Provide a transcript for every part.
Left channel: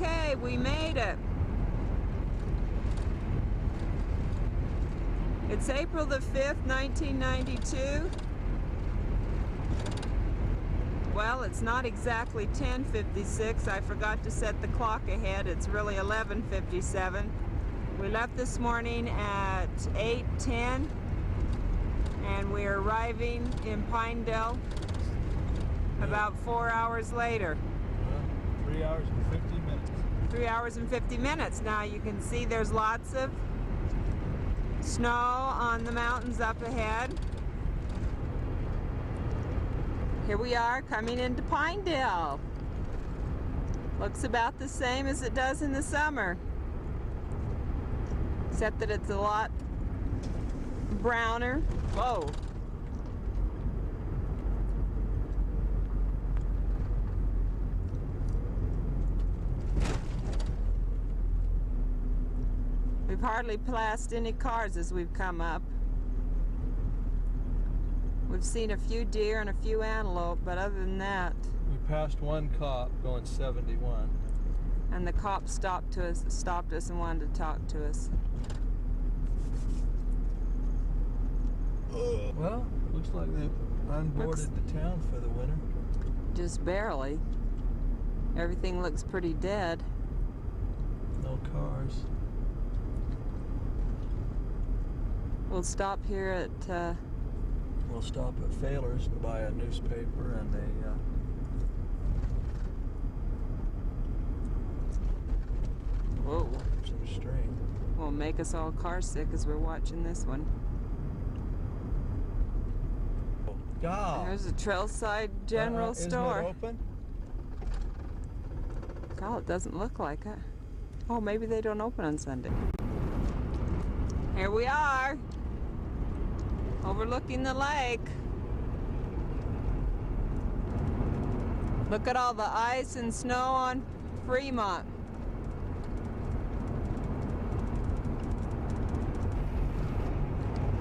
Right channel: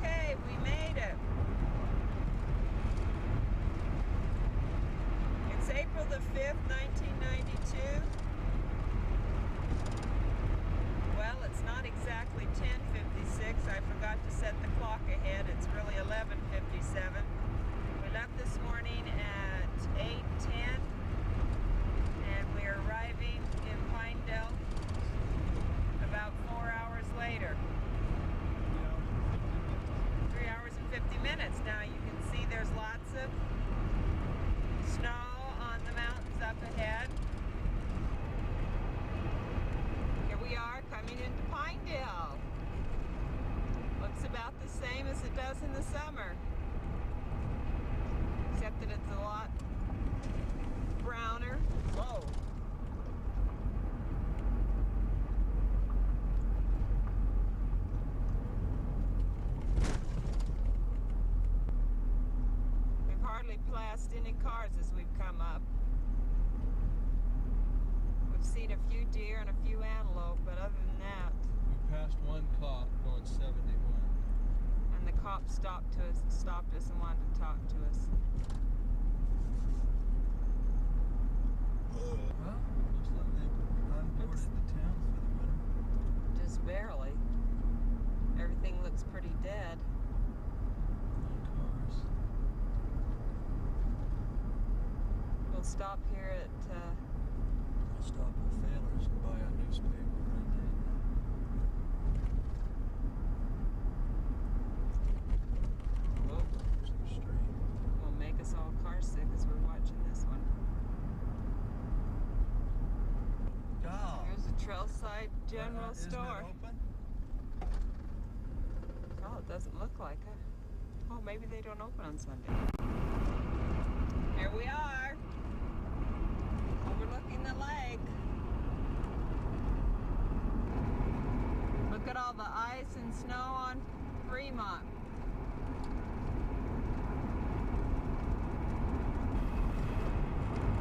Okay, we made it. It's April the 5th, 1992. Well, it's not exactly 10:56. I forgot to set the clock ahead. It's really 11:57. We left this morning at 8:10 and we're arriving in Pinedale about 4 hours later. 3 hours and 50 minutes. 3 hours and 50 minutes. Now you can see there's lots of snow on the mountains up ahead. Here we are coming into Pinedale. Looks about the same as it does in the summer, except that it's a lot browner. Whoa. We've hardly passed any cars as we've come up. We've seen a few deer and a few antelope, but other than that... We passed one cop going 71. And the cop stopped us and wanted to talk to us. Well, looks like they've unboarded the town for the winter. Just barely. Everything looks pretty dead. No cars. We'll stop here at... We'll stop at Failer's and buy a newspaper and a... Whoa. Some string. Will make us all car sick as we're watching this one. God. There's a Trailside General Store. Isn't it open? God, it doesn't look like it. Oh, maybe they don't open on Sunday. Here we are, overlooking the lake. Look at all the ice and snow on Fremont.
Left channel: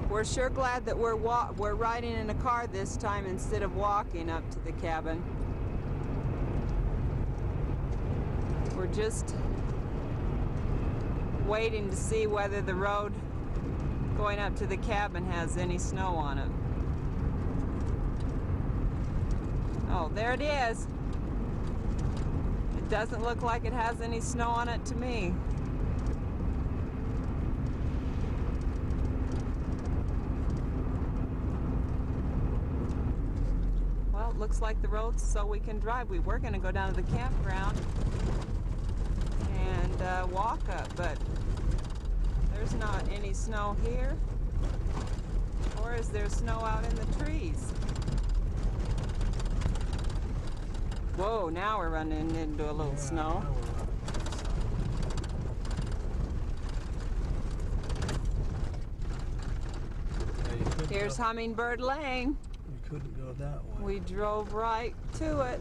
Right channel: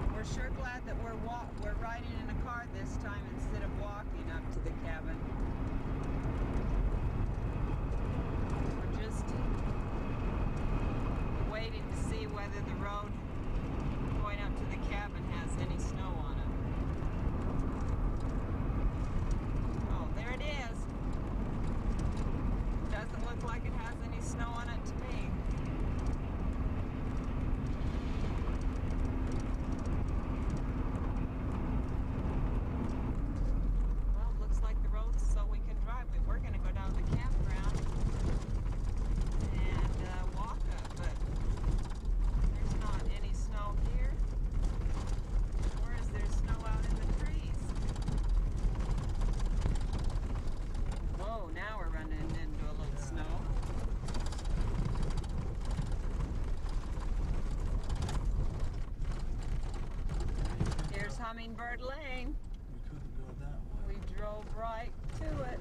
We're sure glad that we're riding in a car this time instead of walking up to the cabin. We're just waiting to see whether the road going up to the cabin has any snow on it. Oh, there it is. It doesn't look like it has any snow on it to me. Well, it looks like the road's so we can drive. We were going to go down to the campground and walk up, but there's not any snow here, or is there snow out in the trees? Whoa, now we're running into a little snow. Here's Hummingbird Lane. You couldn't go that way. We drove right to it.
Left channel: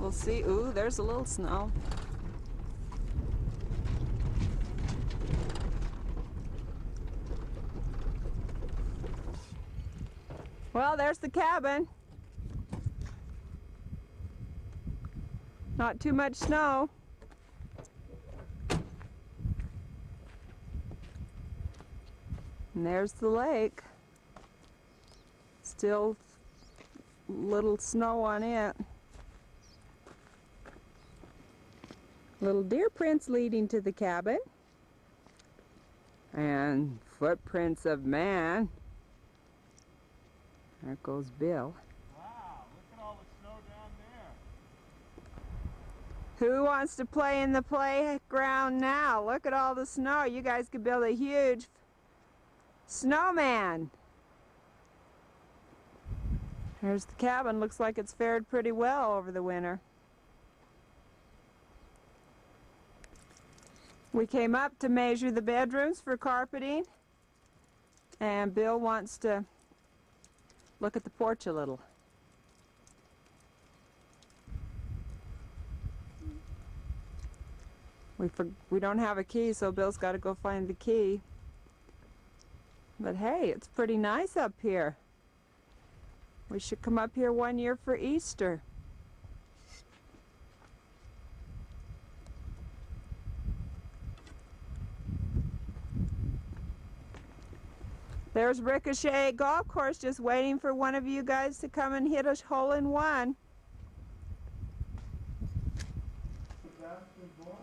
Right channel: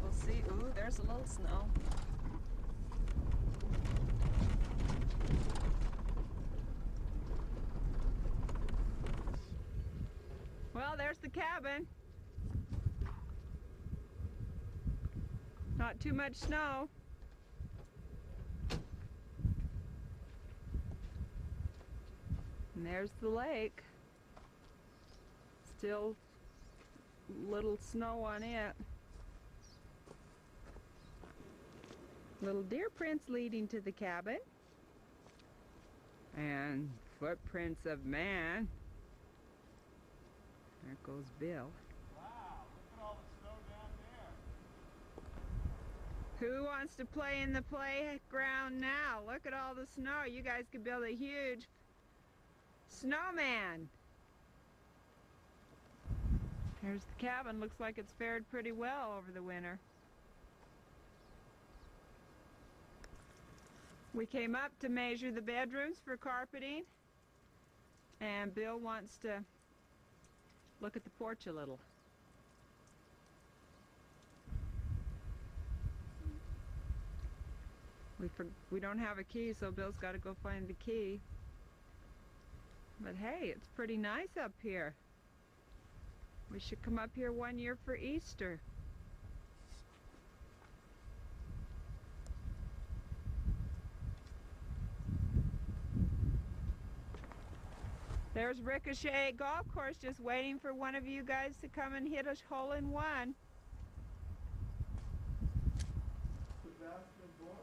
We'll see. Ooh, there's a little snow. Well, there's the cabin. Not too much snow. And there's the lake. Still little snow on it. Little deer prints leading to the cabin. And footprints of man. There goes Bill. Wow, look at all the snow down there. Who wants to play in the playground now? Look at all the snow. You guys could build a huge snowman. There's the cabin. Looks like it's fared pretty well over the winter. We came up to measure the bedrooms for carpeting, and Bill wants to look at the porch a little. We don't have a key, so Bill's got to go find the key. But hey, it's pretty nice up here. We should come up here one year for Easter. There's Ricochet Golf Course, just waiting for one of you guys to come and hit a hole in one. But that's the blind.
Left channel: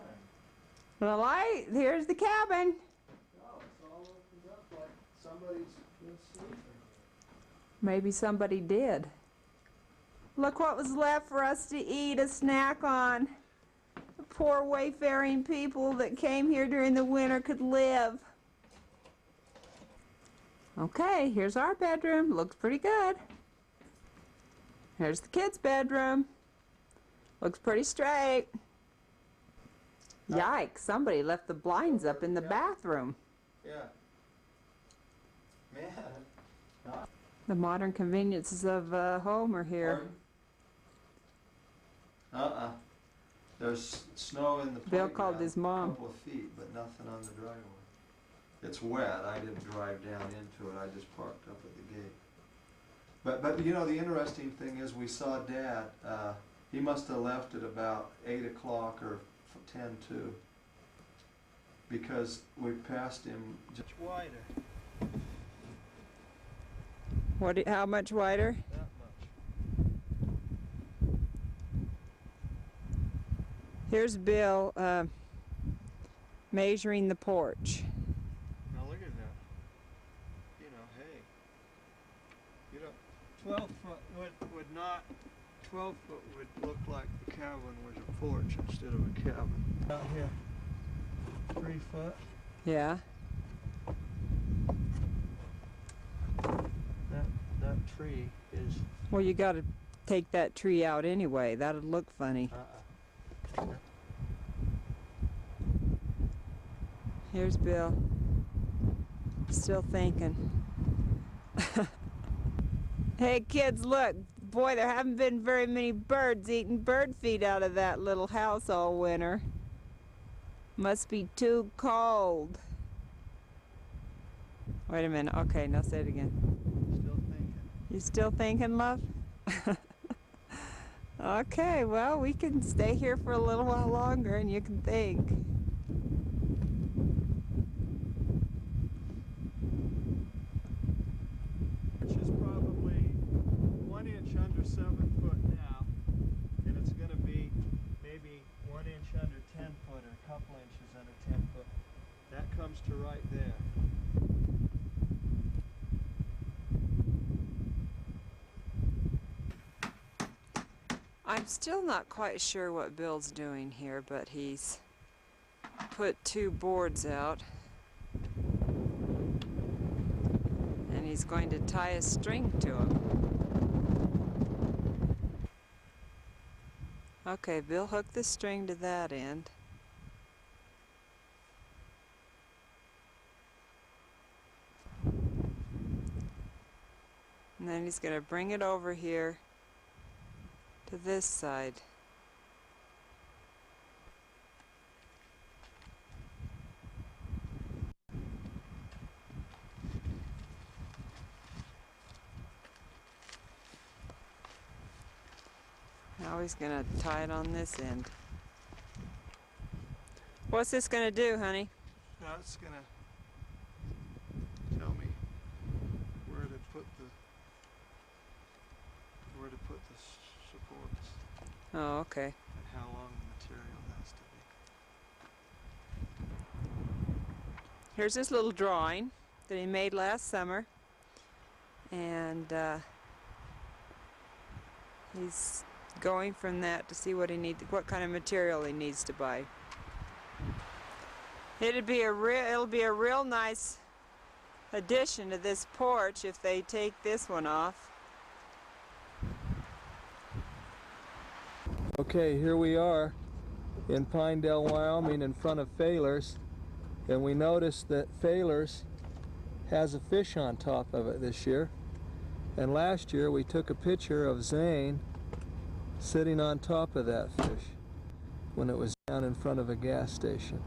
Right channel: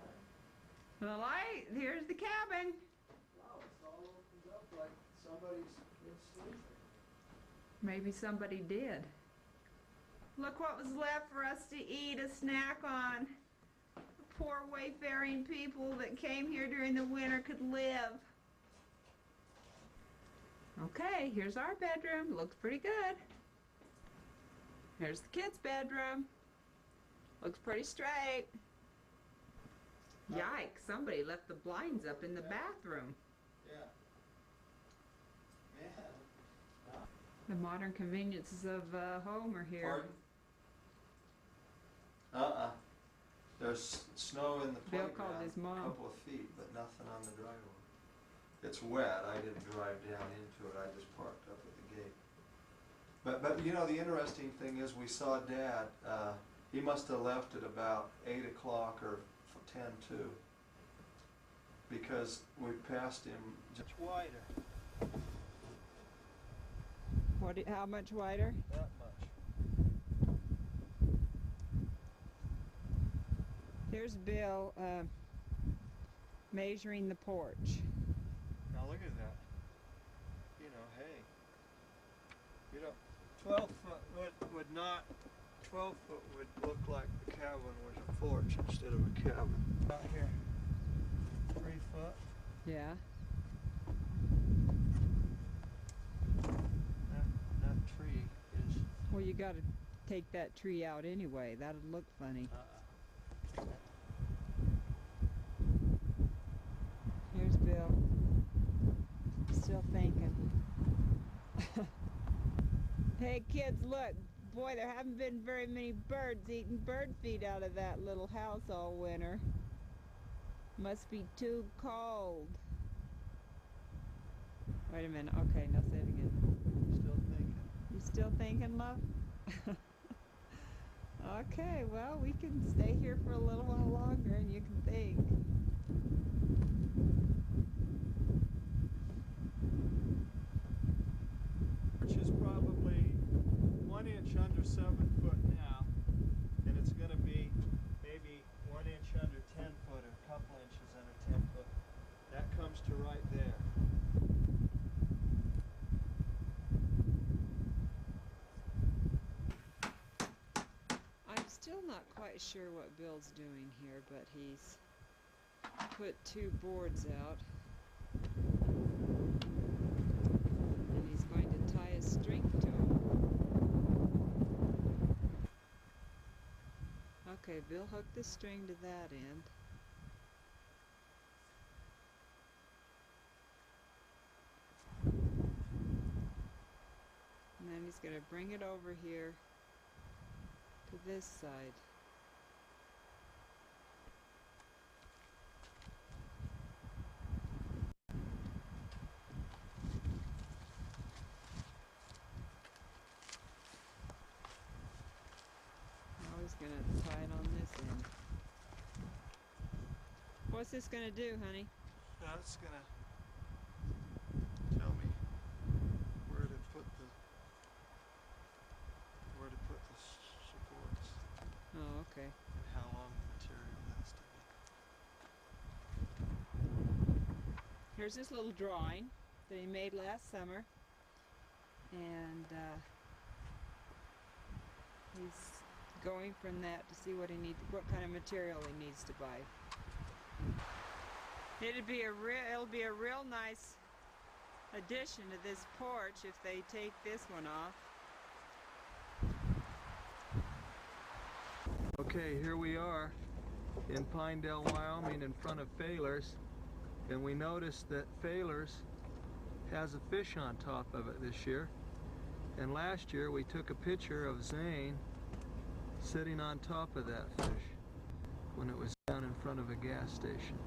Well, here's the cabin. Oh, it's all opened up like somebody's been sleeping here. Maybe somebody did. Look what was left for us to eat, a snack on. The poor wayfaring people that came here during the winter could live. Okay, here's our bedroom. Looks pretty good. Here's the kids' bedroom. Looks pretty straight. Yikes, somebody left the blinds up in the bathroom. Yeah. Man. The modern conveniences of home are here. Pardon? There's snow in the Bill playground. called his mom. A couple of feet, but nothing on the driveway. It's wet. I didn't drive down into it. I just parked up at the gate. But you know, the interesting thing is we saw Dad. He must have left at about 8 o'clock or 10:02 because we passed him just wider. How much wider? That much. Here's Bill measuring the porch. Now look at that. You know, hey. You know, 12 foot would not. 12 foot would look like the cabin was a porch instead of a cabin. Out here, 3 foot. Yeah. That tree is. Well, you got to take that tree out anyway. That'd look funny. Here's Bill. Still thinking. Hey kids, look. Boy, there haven't been very many birds eating bird feed out of that little house all winter. Must be too cold. Wait a minute. Okay, now say it again. Still thinking. You still thinking, love? Okay, well, we can stay here for a little while longer and you can think. Which is probably 1 inch under 7 foot now, and it's going to be maybe 1 inch under 10 foot or a couple inches under 10 foot. That comes to right there. I'm still not quite sure what Bill's doing here, but he's put 2 boards out. And he's going to tie a string to them. Okay, Bill hooked the string to that end. And then he's going to bring it over here to this side. Now he's going to tie it on this end. What's this going to do, honey? That's going to tell me where to put the supports. Oh, okay. And how long the material has to be. Here's this little drawing that he made last summer, and he's going from that to see what what kind of material he needs to buy. It'll be a real nice addition to this porch if they take this one off. Okay, here we are in Pinedale, Wyoming, in front of Failers, and we noticed that Failers has a fish on top of it this year. And last year we took a picture of Zane sitting on top of that fish when it was down in front of a gas station.